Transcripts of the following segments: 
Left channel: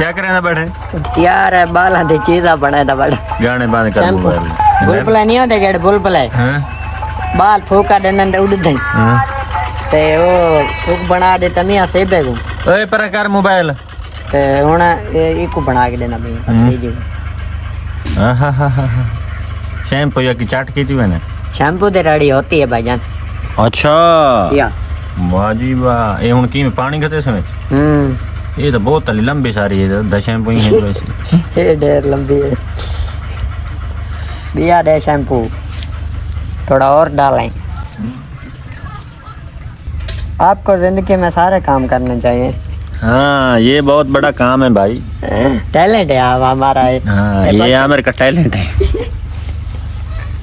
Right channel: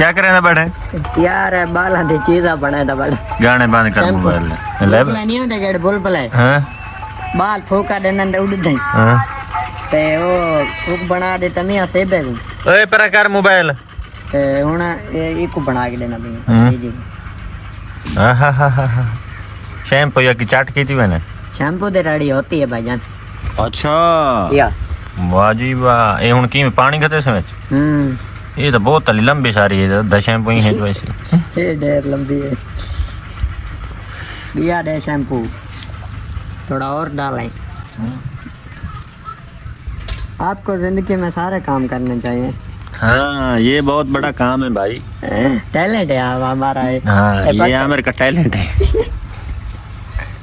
क्या करे ना बैठे यार बाला दी चीज़ा बनाए दा बड़ा गाने बंद कर मोबाइल बुलबुल नहीं होते जेड बुलबुल है हां बाल फूका देने उड़ दे हां ते वो फूक बना दे तमिया से बेगू ओए पर कर मोबाइल ते हुन इको बना के देना भी जी हा हा हा शैम्पू या की चाट की थी मैंने शैम्पू दे रेडी होती है भाईजान अच्छा या वाह जी वाह ये हुन की में पानी खते समय ये तो बहुत लंबी सारी है 10 शैम्पू ही है वैसे ये ढेर लंबी है बिया दे शैम्पू थोड़ा और डालें आपको जिंदगी में सारे काम करने चाहिए हाँ ये बहुत बड़ा काम है भाई टैलेंट है आप हमारा है हाँ ये आमिर का टैलेंट है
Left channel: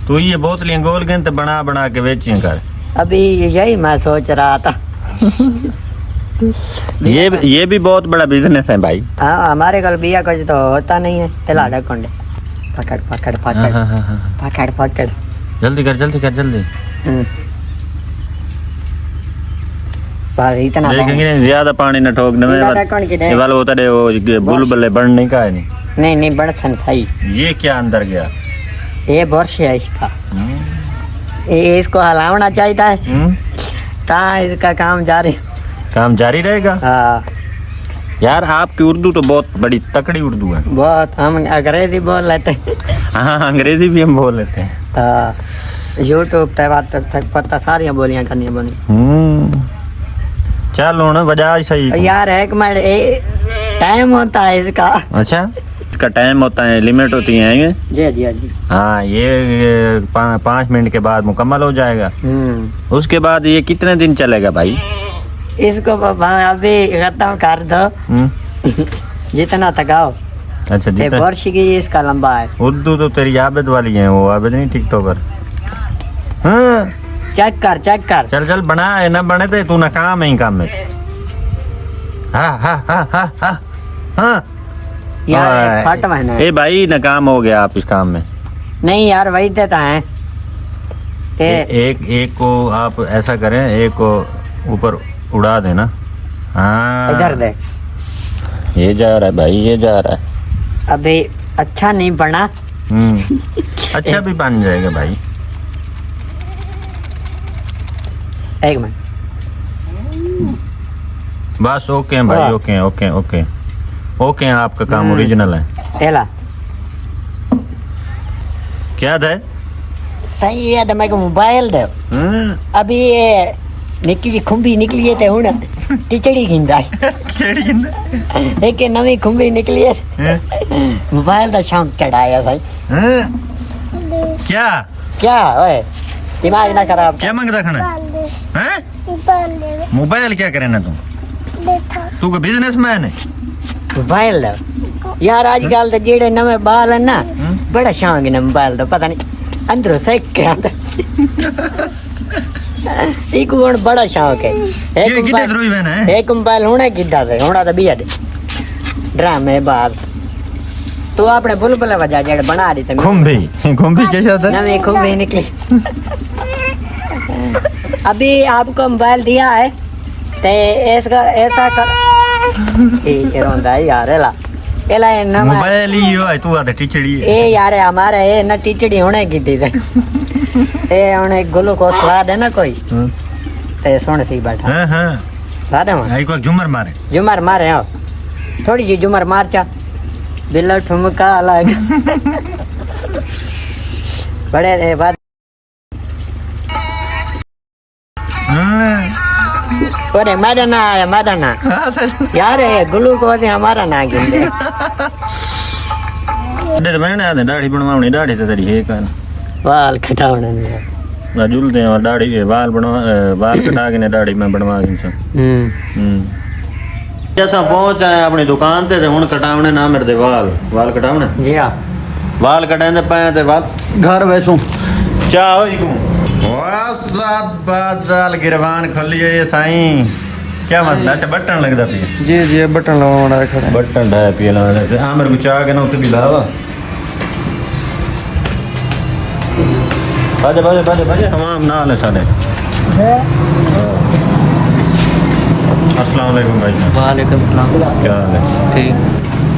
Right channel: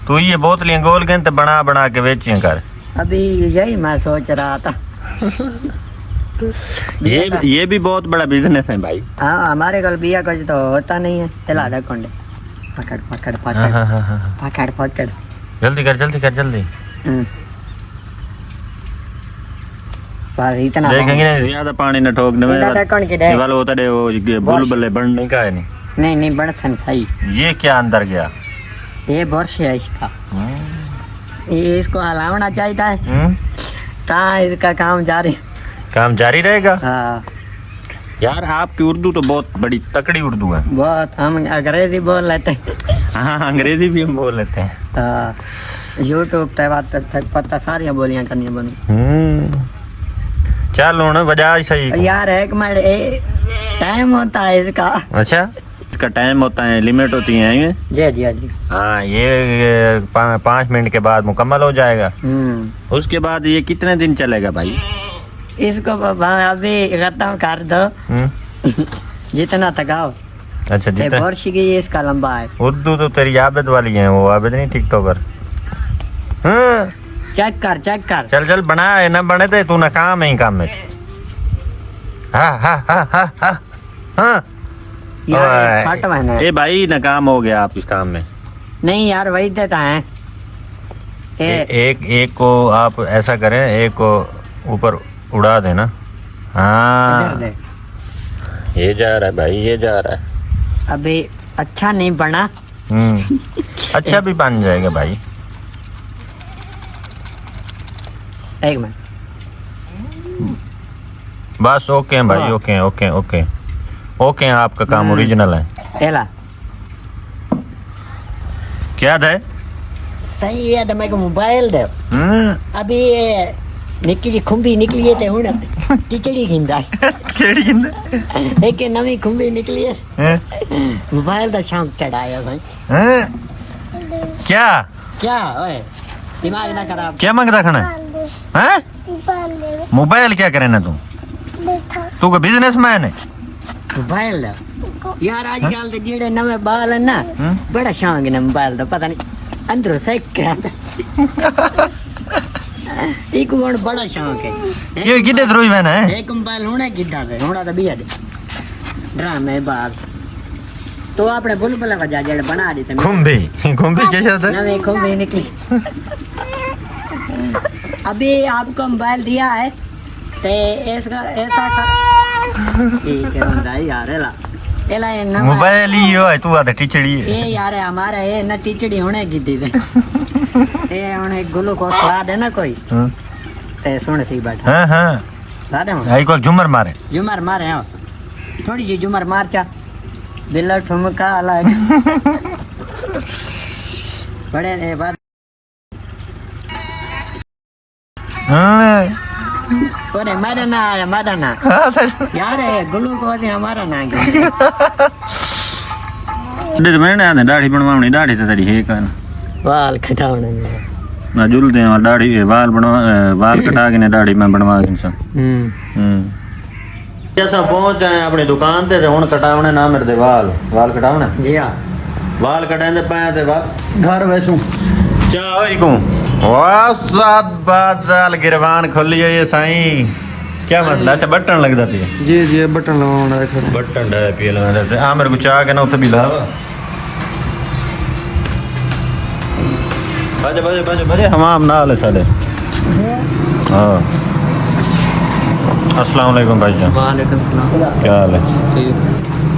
तू ये बोतलियां गोल गन बना बना के बेचियां कर अभी यही मैं सोच रहा था ये भी बहुत बड़ा बिजनेस है भाई हाँ हमारे कल बिया कुछ तो होता नहीं है तिला ढकोंडे पकड़ पकड़ पकड़ पकड़ पकड़ जल्दी कर जल्दी कर जल्दी इतना देखेंगे नहीं ज्यादा पानी न ठोक में ये वाला होता है वो बुलबुले बढ़ने का है नहीं नहीं बढ़ सन सही ये क्या अंदर गया ये वर्ष है इसका ये इसको हलावना चाहिए है कहाँ इसका काम जारी रहेगा हाँ यार आपकी उर्दू तो बहुत बड़ी तकड़ी उर्दू है बहुत हम अंग्रेजी बोल लेते हैं हाँ अंग्रेजी भी हम बोल लेते हैं हाँ यूट्यूब पे बात तक पता सारी बोलियां करनी बनी चलो ना वजह सही यार एक मिनट टाइम होता है इसका अच्छा इसका टाइम होता है लिमिट होती है जी जी जी हाँ ये 5 मिनट के बाद मुकम्मल हो जाएगा उसके बाद ये कितने दिन चलेगा भाई इसको अभी खत्म कर दो जितना थकाओ अच्छा जितना वर्ष की इसका लंबा है उर्दू तो तेरी आबिद वाली है वो आबिद नहीं टिकटॉकर चेक कर चल चल बना है ना बने थे तू नाकाम है काम में हाँ हाँ हाँ हाँ हाँ हाँ यार फट मैंने ए भाई नाकाम हो गया आप इस काम में नहीं यार वही देता है एक को आप ऐसा करें एक को ऊपर उड़ा देना हाँ इधर दे ये जा रहा है भाई ये जा रहा है अभी अच्छा नहीं बना अच्छा भी बन जाएगा भाई एक मिनट बस ओके है भाई ओके ओके ओके ओके आपका काम ओरिजिनल है एला क्या है सही है मेरे को मोबाइल दे अभी ये निक्की जी खुंबी निकली है हुन टिचड़ी गिंदा केड़ी गिंदा एक नवी खुंबी निकली है मोबाइल दा शौक चढ़ाया भाई क्या क्या ओए दिमाग ना खराब क्या मांगता खाना हैं मोबाइल क्या करे ना तू का बिजनेसमैन है मोबाइल दो यार आजकल तो जेड़े नवे बाल है ना बड़ा शौक है मोबाइल दा पता नहीं अंदरों से क्या एक वन बड़ा शौक है ये कितने रोज बहना है एक मोबाइल होना किदा से होना तो बिया ड्रामे बाप तो आपने बुलबुल वजह जेड़ बना दी थे खुंबी कैसे होता है नवी खुंबी निकली अभी आपको मोबाइल दिया है ते इसका ऐसा कर ठीक है होता है यार एला एला मोबाइल ही हो है तू आधा टिचड़ी ए यार हमारे ए ना टिचड़ी होने की थी ए उन्हें ग्लूकोज स्वाद है ना कोई ते सुन सी बैठा हां हां स्वाद है आई को झूमर मारे आओ थोड़ी जी झूमर मार चा बिल्ला ठुमका अलग बड़े रे बात अरे मैदाना आया मैदाना यार ये ग्लूकोज हमारा ना गिन दे मैंने आधे दाढ़ी बनवानी दाढ़ी तो तेरी है कान बाल कटावना नहीं ना जुलते और दाढ़ी बाल बनवा बाल कटा के ने दाढ़ी में बनवा के सब जैसा पहुंच आए अपनी दुकान ते हुन कटावने ना मेरे दे वाल कटावने जी हां वाल कटांदे पाए ते वाल घर वैसू चाह होई को वाह सात बादल गिरवान खोलियो ये साईं क्या मसला अच्छा बटन लगदा पिया जी जी बटन लगावना खड़ा बटन डाया पिया लगा आ मेरे को चाह के ना उते भी लावा बाजे हमाम नाल है साडे हां अस्सलाम वालेकुम भाई। वालेकुम सलाम। क्या हाल है? ठीक।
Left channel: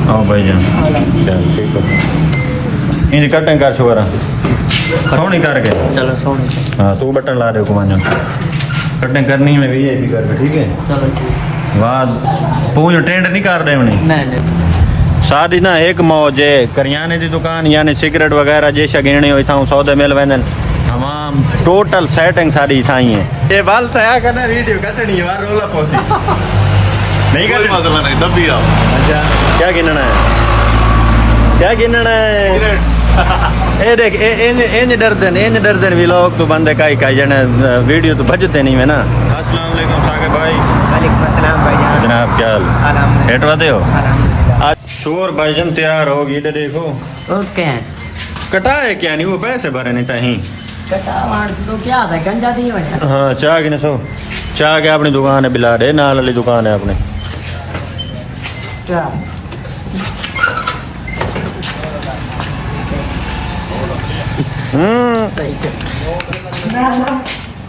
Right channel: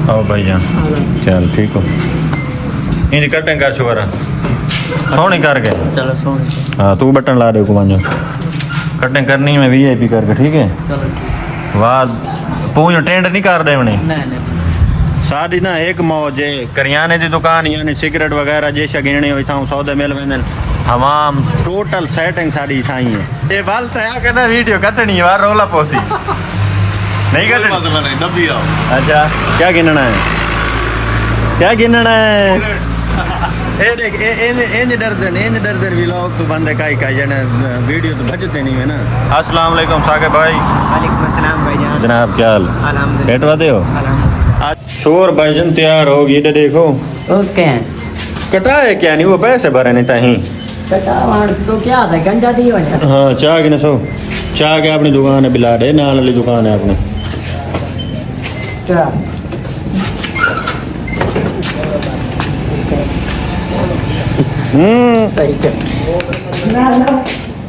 आओ भाईजान हेलो चल ठीक हो इंज कटिंग कर शुगर सोनी करके चलो सोने से हाँ तू बटन ला दे कुमांजो कटिंग करनी है वीआईपी करके ठीक है चलो ठीक वाह पूंछ टेंट नहीं कर दे नहीं नहीं साड़ी ना एक मौज है करियाने की दुकान यानी सिगरेट वगैरह जैसा गिरणी हुई था सौदे मिल वेंदे तमाम टोटल सेटिंग साड़ी ठाई है ये बाल तया करना वीडियो कटनी है वार रोला पोसी नहीं कटनी मसला नहीं दबी आओ अच्छा क्या गिनना है क्या गिनना है ए देख इंज डरदन भी लोग तो बंदे का जने वीडियो तो बजते नहीं है ना अस्सलाम वालेकुम साकिब भाई वालेकुम अस्सलाम भाईजान जनाब क्या हाल अल्हम्दुलिल्लाह हेट वादे हो अल्हम्दुलिल्लाह आज शोर भाईजन तैयार होगी इधर देखो ओके कटाए क्या नहीं वो पैसे भरे नहीं ताही कटावान तो क्या था गंजा दी वजह हाँ चाह की नसो चाह के अपनी दुकान है बिला दे नाल वाली दुकान है अपनी क्या सही है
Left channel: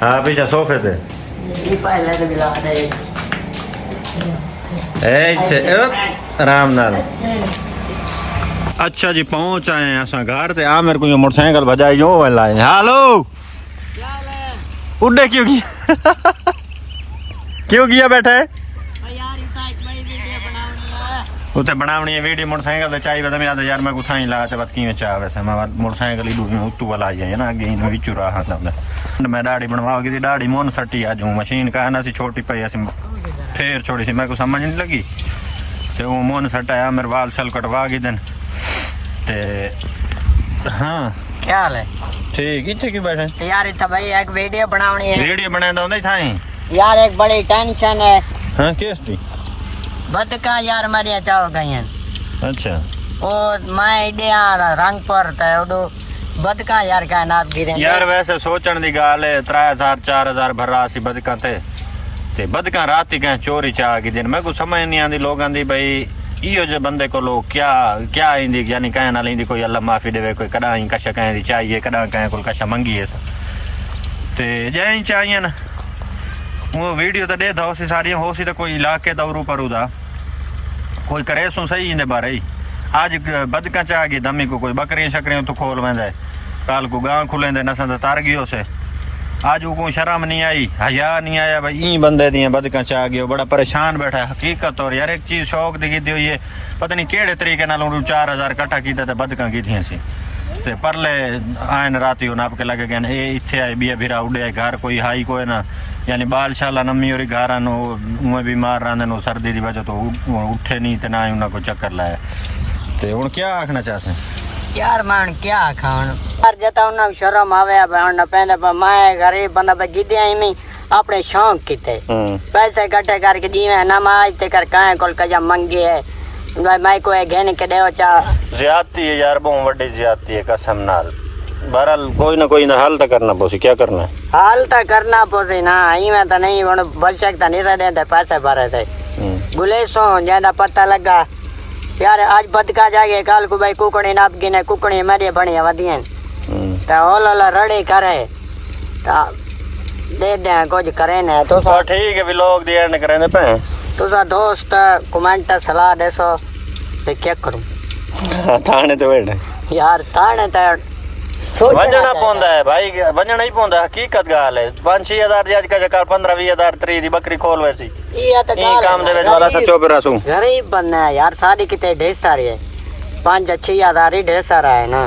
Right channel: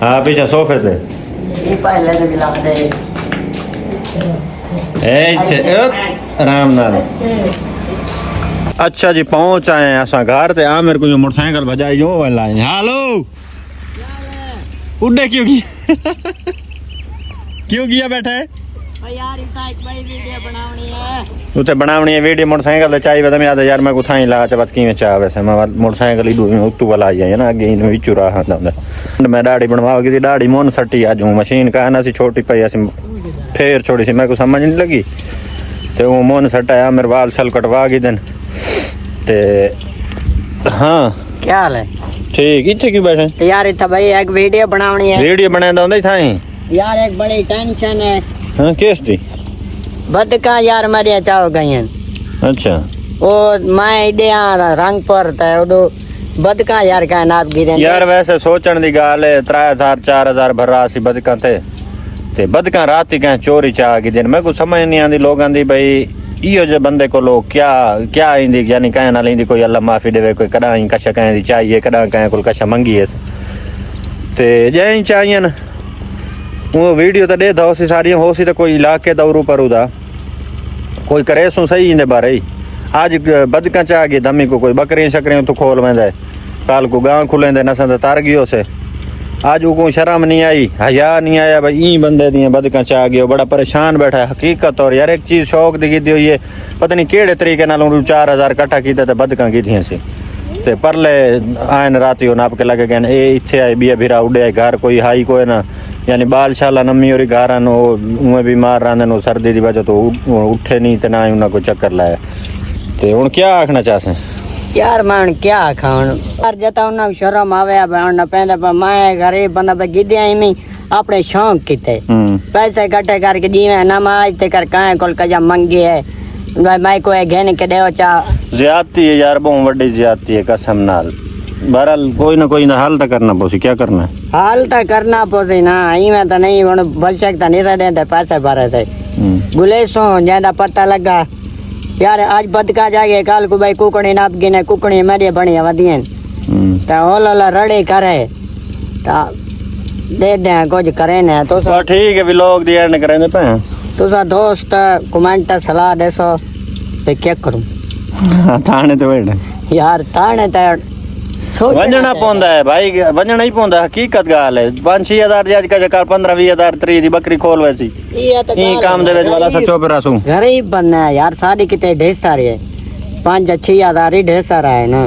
हाँ पीछे सोफे पे ये पहले तो मिला दे आराम नाल अच्छा जी पहुंच आए हैं असा घर ते आ मेरे को ये मोटरसाइकिल बजाई जो लाए हेलो उड़े क्यों किया क्यों किया बैठा है यार इतना एक भाई वीडियो बनावनी है उते बनावनी है वीडियो मोटरसाइकिल चाहिए बता मैं याद यार मैं कुथा ही ला ते बात किवें चाह वैसे मैं मोटरसाइकिल ही दूर उत्तू वाला आई है ना आगे इन विचू रहा था मैं दाढ़ी बनवाओगी थी दाढ़ी मोन सट्टी आज हूं मशीन का ना सी छोटी पई ऐसी फेर छोड़ी सी मैं को समझ नहीं लगी ते वो मोन सटाया मेरे बाल सल कटवा गई दिन ते हाँ क्या हाल है ठीक इच्छे क्यों बैठे तो यार इतना भाई एक वीडियो बनावनी है वीडियो बना दो थाई यार एक बड़ी टेंशन है हाँ केस थी बदका यार मरिया चाहो गई हैं अच्छा वो मैं इधे रंगपुर था उडो बदका यार का नाप गिरे यार वैसे सोचण दी गाल है 3000 4000 भरा सी बदका ते बदका रात कहीं चोरी चाह की दिन मैं कुछ समझ नहीं आती लोगों की भाई इो जे बंदे को लोग क्या इंदी यानी कहीं ना इंदी कोई अल्लाह माफी देवे कोई कदा ही कशा कहीं दी चाहिए कदा कहीं को कशा मंगी ते जै चाहिए न वो वीडियो तो दे दो सी सारी हो सी तो कोई इलाके दौरू पर उदा कोई करे सो सही इंदे बारे ही आज बदका चाह गई दमी को कोई बकरियां शकरियां तो खोल वेंदे कल को गांव खुलेंदे नसा तो तर गयो से आज को शर्म नहीं आई हया नहीं आया भाई ई बंदे दियां बदका चाह गयो बड़ा परेशान बैठा है हकीकत और यार एक चीज शौक दी कीती हुई है पता नहीं केड़े तरीके नाल 4000 इकट्ठा कीता ते बदका कीतियां सी ते परले आयन राती हो नाप के लगे गए ए इथे आए बिया भिरा उड़े घर कोई हाई कोई ना यानी बाल शाला नमी और घर उमें बीमार रहंदे सर्दी की वजह तो उठे नहीं ते ना ही उन्हें कोई चक्कर लाया ते हुण क्या आखना चाहसे यार मैं क्या खाण यार जता उन्हें शर्म आवे न पैंदा पर मैं गरीब बंदा पे गिद्या ही अपने शौक किते पैसे इकट्ठे करके दीवे ना आज ते कर काहे कोल कजा मंगी है मैं कोई घेन के देव चा ज्यादती है यार बहुत बड़ी ज्यादती है कसम नाल बहरहाल कोई ना हाल तो करना पोसी क्या करना हाल तो करना पोसी ना ई में तो नहीं हुन बच सकता नहीं रहे पैसे भरे थे गुलेसो ज्यादा पता लगा यार आज बदका जागे कल को भाई कुकड़ी नाप गिने कुकड़ी मेरी बढ़िया वधियन तो होल रड़े करे तो दे दे कुछ करे ने तो ठीक है व्लॉग दी एंड करेंगे पे तुसा दोस्त कमेंट सलाह देसो ते क्या करूं थाने तो बैठ यार ताने तो वंजना पौंदा है भाई वंजना ही पौंदा हकीकत गाल है 5-6 हजार आज का जकार 15-20 हजार 3 दी बकरी खोल वैसी ये तो ई काम दे वेच वाला सचो बरसू गरीब बनना है यार शादी किते ढेर सारी है 5-6 हजार ही ढेर सारा है ना